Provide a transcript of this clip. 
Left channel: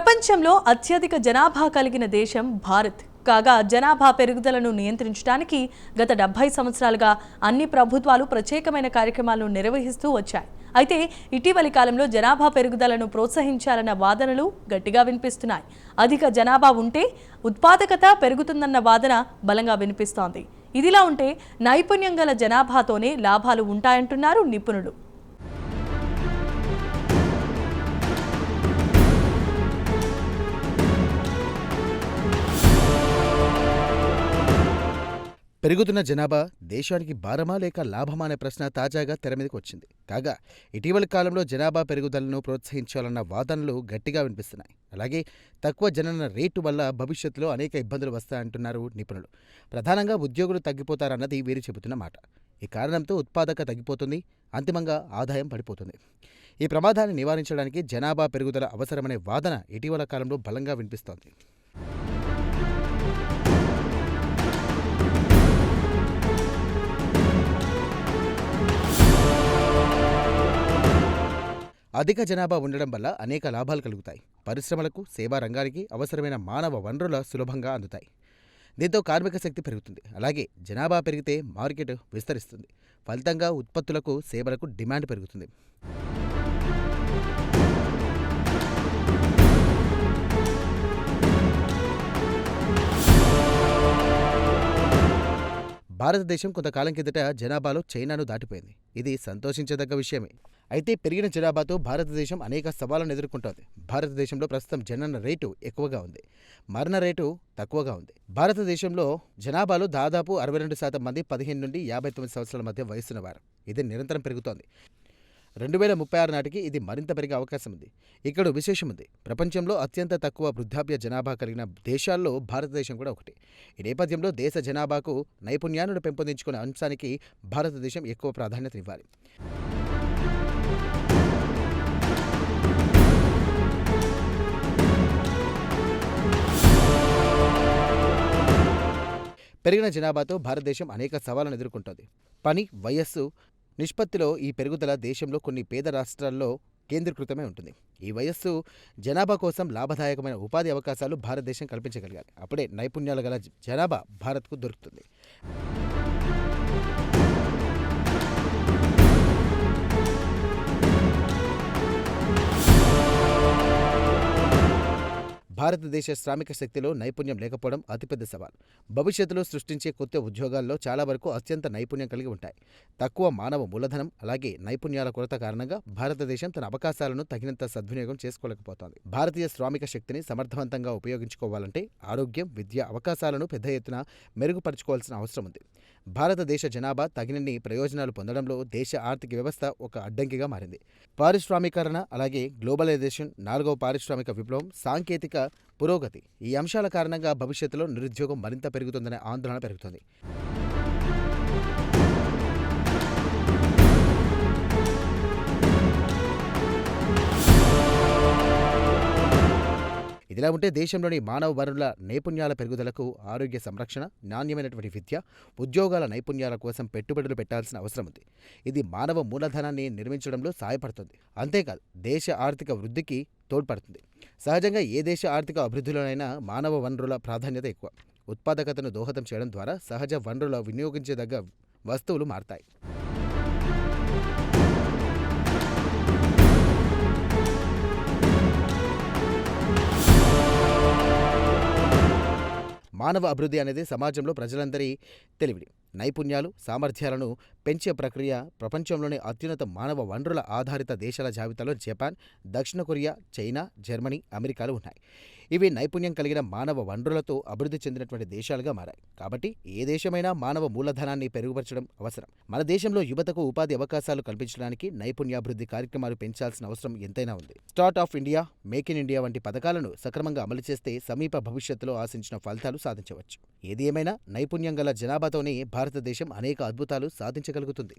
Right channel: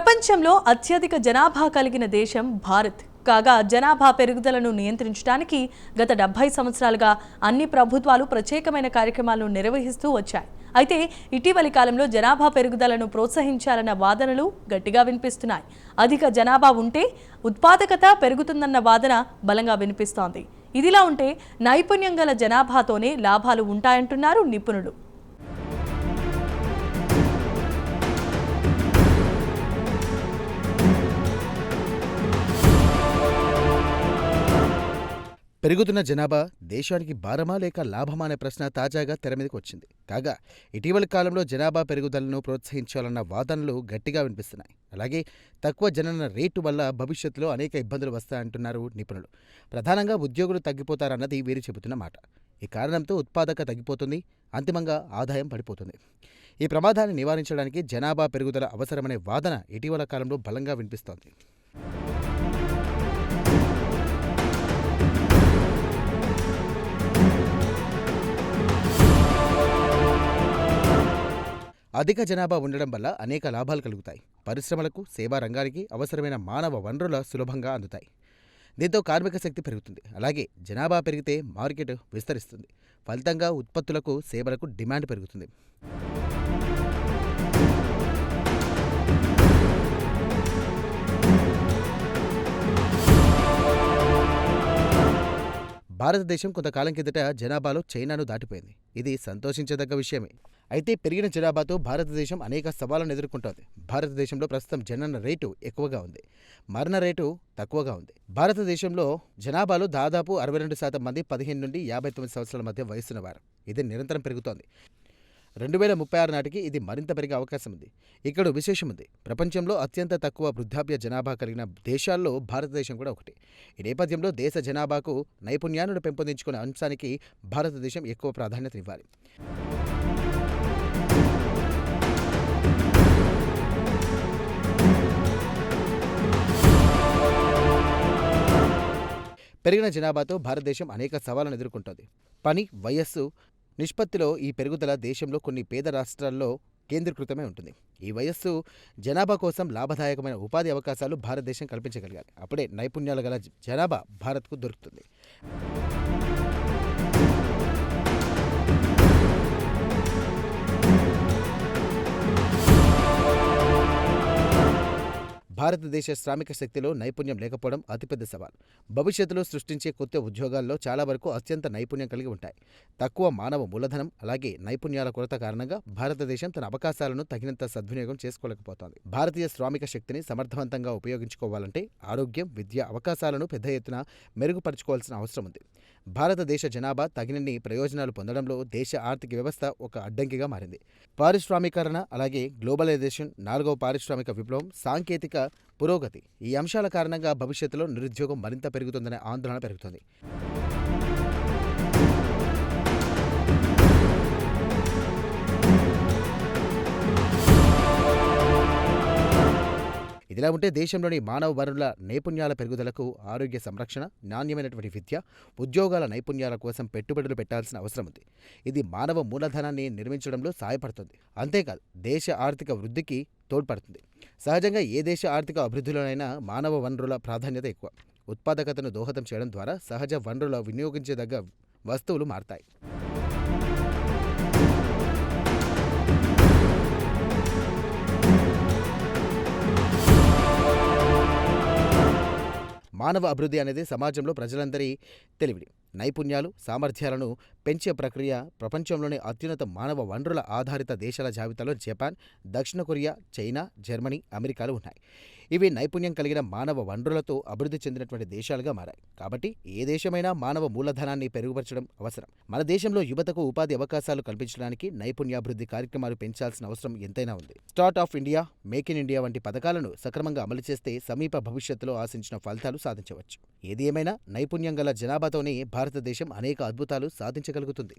ప్రపంచంలో అత్యధిక జనాభా కలిగిన దేశం భారత్. కాగా జనాభా పెరుగుదలను నియంత్రించడానికి గత 70 సంవత్సరాలుగా అన్ని ప్రభుత్వాలు ప్రత్యేకమైన కార్యక్రమాలను నిర్వహిస్తూ వచ్చాయి. అయితే ఇటీవలి కాలంలో జనాభా పెరుగుదలను ప్రోత్సహించాలన్న వాదనలు గట్టిగా వినిపిస్తున్నాయి. అధిక జనాభా ఉంటే ఉత్పాదకత పెరుగుతుందన్న వాదన బలంగా వినిపిస్తోంది. ఇదిలా ఉంటే నైపుణ్యం గల జనాభాతోనే లాభాలు ఉంటాయంటున్నారు నిపుణులు. పెరుగుతున్న జనాభా దేశానికి భారమా లేక లాభమా అనే ప్రశ్న తాజాగా తెరమీదకి వచ్చింది. కాగా ఇటీవలి కాలంలో జనాభా పెరుగుదలను ప్రోత్సహించాలన్న వాదనలు గట్టిగా వినిపిస్తున్నాయి. అలాగే తక్కువ జనన రేటు వల్ల భవిష్యత్తులో అనేక ఇబ్బందులు వస్తాయంటున్నారు నిపుణులు. ప్రధానంగా ఉద్యోగులు తగ్గిపోతారన్నది వీరు చెబుతున్న మాట. ఈ కారణంతో ఉత్పాదకత తగ్గిపోతుంది, అంతిమంగా ఆదాయం పడిపోతుంది. ఈ ప్రమాదాన్ని నివారించడానికి జనాభా పెరుగుదల అవసరమనే వాదన ఇటీవల కాలంలో బలంగా వినిపిస్తోంది. అధిక జనాభా ఉండడం వల్ల అనేక లాభాలు కలుగుతాయి. పరిశ్రమలకు, సేవా రంగానికి అవసరమైన మానవ వనరుల సులభంగా అందుతాయి. దీంతో కార్మిక శక్తి పెరుగుతుంది. అలాగే జనాభా పెరిగితే మార్కెట్ విస్తరిస్తుంది. ఫలితంగా ఉత్పత్తులకు, సేవలకు డిమాండ్ పెరుగుతుంది. భారతదేశం కొంతకాలం కిందట జనాభాలో చైనాను దాటిపోయింది. ఇది సంతోషించదగ్గ విషయమే. అయితే పెరిగిన జనాభాతో భారతదేశం అనేక సవాళ్లను ఎదుర్కొంటోంది. భారతదేశంలో ప్రస్తుతం జనన రేటు ఎక్కువగా ఉంది, మరణ రేటు తక్కువగా ఉంది. భారతదేశంలో జనాభాలో దాదాపు 62% మంది 15 నుండి 59 సంవత్సరాల మధ్య వయసున్నవారు. ఇది నిరంతరం పెరుగుతోంది. 2036 నాటికి ఇది మరింత పెరిగే అవకాశం ఉంది. ఇక్కడ విశేషం ఉంది. ప్రపంచంలో అత్యంత తక్కువ వృద్ధాప్య జనాభా కలిగిన దేశాల్లో భారతదేశం కూడా ఒకటి. ఈ నేపథ్యంలో దేశ జనాభాకు నైపుణ్యాలను పెంపొందించుకునే అంశానికి భారతదేశం ఎక్కువ ప్రాధాన్యత ఇవ్వాలి. పెరిగిన జనాభాతో భారతదేశం అనేక సవాళ్లను ఎదుర్కొంటోంది. పని, వయస్సు నిష్పత్తిలో ఈ పెరుగుదల దేశంలో కొన్ని పేద రాష్ట్రాల్లో కేంద్రీకృతమై ఉంటుంది. ఈ వయస్సు జనాభా కోసం లాభదాయకమైన ఉపాధి అవకాశాలు భారతదేశం కల్పించగలగాలి. అప్పుడే నైపుణ్యాలు గల జనాభా భారత్కు దొరుకుతుంది. భారతదేశ శ్రామిక శక్తిలో నైపుణ్యం లేకపోవడం అతిపెద్ద సవాల్. భవిష్యత్తులో సృష్టించే కొత్త ఉద్యోగాల్లో చాలా వరకు అత్యంత నైపుణ్యం కలిగి ఉంటాయి. తక్కువ మానవ మూలధనం, అలాగే నైపుణ్యాల కొరత కారణంగా భారతదేశం తన అవకాశాలను తగినంత సద్వినియోగం చేసుకోలేకపోతోంది. భారతీయ శ్రామిక శక్తిని సమర్థవంతంగా ఉపయోగించుకోవాలంటే ఆరోగ్యం, విద్య అవకాశాలను పెద్ద ఎత్తున మెరుగుపరుచుకోవాల్సిన అవసరం ఉంది. భారతదేశ జనాభా తగినన్ని ప్రయోజనాలు పొందడంలో దేశ ఆర్థిక వ్యవస్థ ఒక అడ్డంకిగా మారింది. పారిశ్రామికరణ, అలాగే గ్లోబలైజేషన్, 4వ పారిశ్రామిక విప్లవం, సాంకేతిక పురోగతి ఈ అంశాల కారణంగా భవిష్యత్తులో నిరుద్యోగం మరింత పెరుగుతుందనే ఆందోళన పెరుగుతోంది. ఇదిలా ఉంటే దేశంలోని మానవ వనరుల నైపుణ్యాల పెరుగుదలకు ఆరోగ్య సంరక్షణ, నాణ్యమైనటువంటి విద్య, ఉద్యోగాల నైపుణ్యాల కోసం పెట్టుబడులు పెట్టాల్సిన అవసరం ఉంది. ఇది మానవ మూలధనాన్ని నిర్మించడంలో సహాయపడుతుంది. అంతేకాదు దేశ ఆర్థిక వృద్ధికి తోడ్పడుతుంది. సహజంగా ఏ దేశ ఆర్థిక అభివృద్ధిలోనైనా మానవ వనరుల ప్రాధాన్యత ఎక్కువ. ఉత్పాదకతను దోహదం చేయడం ద్వారా సహజ వనరుల వినియోగించదగ్గ వస్తువులు మారతాయి. మానవ అభివృద్ధి అనేది సమాజంలో ప్రజలందరి తెలివిని, నైపుణ్యాలు, సామర్థ్యాలను పెంచే ప్రక్రియ. ప్రపంచంలోని అత్యున్నత మానవ వనరుల ఆధారిత దేశాల జాబితాలో జపాన్, దక్షిణ కొరియా, చైనా, జర్మనీ, అమెరికాలు ఉన్నాయి. ఇవి నైపుణ్యం కలిగిన మానవ వనరులతో అభివృద్ధి చెందినటువంటి దేశాలుగా మారాయి. కాబట్టి ఏ దేశమైనా మానవ మూలధనాన్ని పెరుగుపరచడం అవసరం. మన దేశంలో యువతకు ఉపాధి అవకాశాలు కల్పించడానికి నైపుణ్యాభివృద్ధి కార్యక్రమాలు పెంచాల్సిన అవసరం ఎంతైనా ఉంది. Start of India, make in India వంటి పథకాలను సక్రమంగా అమలు చేస్తే సమీప భవిష్యత్తులో ఆశించిన ఫలితాలు సాధించవచ్చు. ఏది ఏమైనా నైపుణ్యం గల జనాభాతోనే భారతదేశం అనేక అద్భుతాలు సాధించగలుగుతుంది.